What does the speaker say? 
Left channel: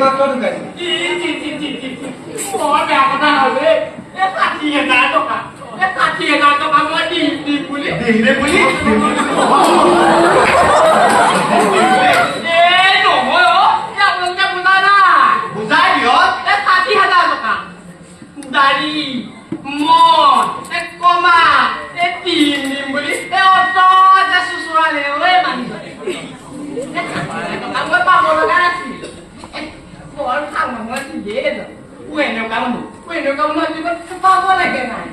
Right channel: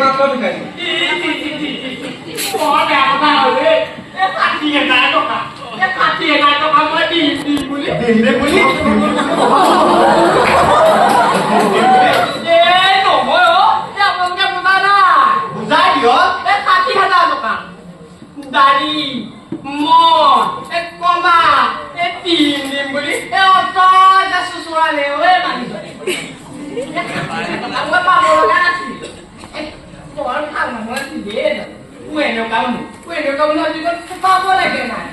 মাত্ৰ ঢুকাইছে বৰ বেয়া কথা হ'ল দেই 60,000 টকা 60,000 টকা মই দিম বুলি দিমৰে বুলি নহয় আপোনালোকে বুজা নাই বুজাই দিয়ক 60,000 টকা দাড়ি মই কমা দিম বুলি অত চুচুৰালে মানুহজনে টকা মই পাব লগা নাছিল বৰ ভাল নহয় দেই এনেকুৱা মানুহ জীৱন পাব লাগে নাই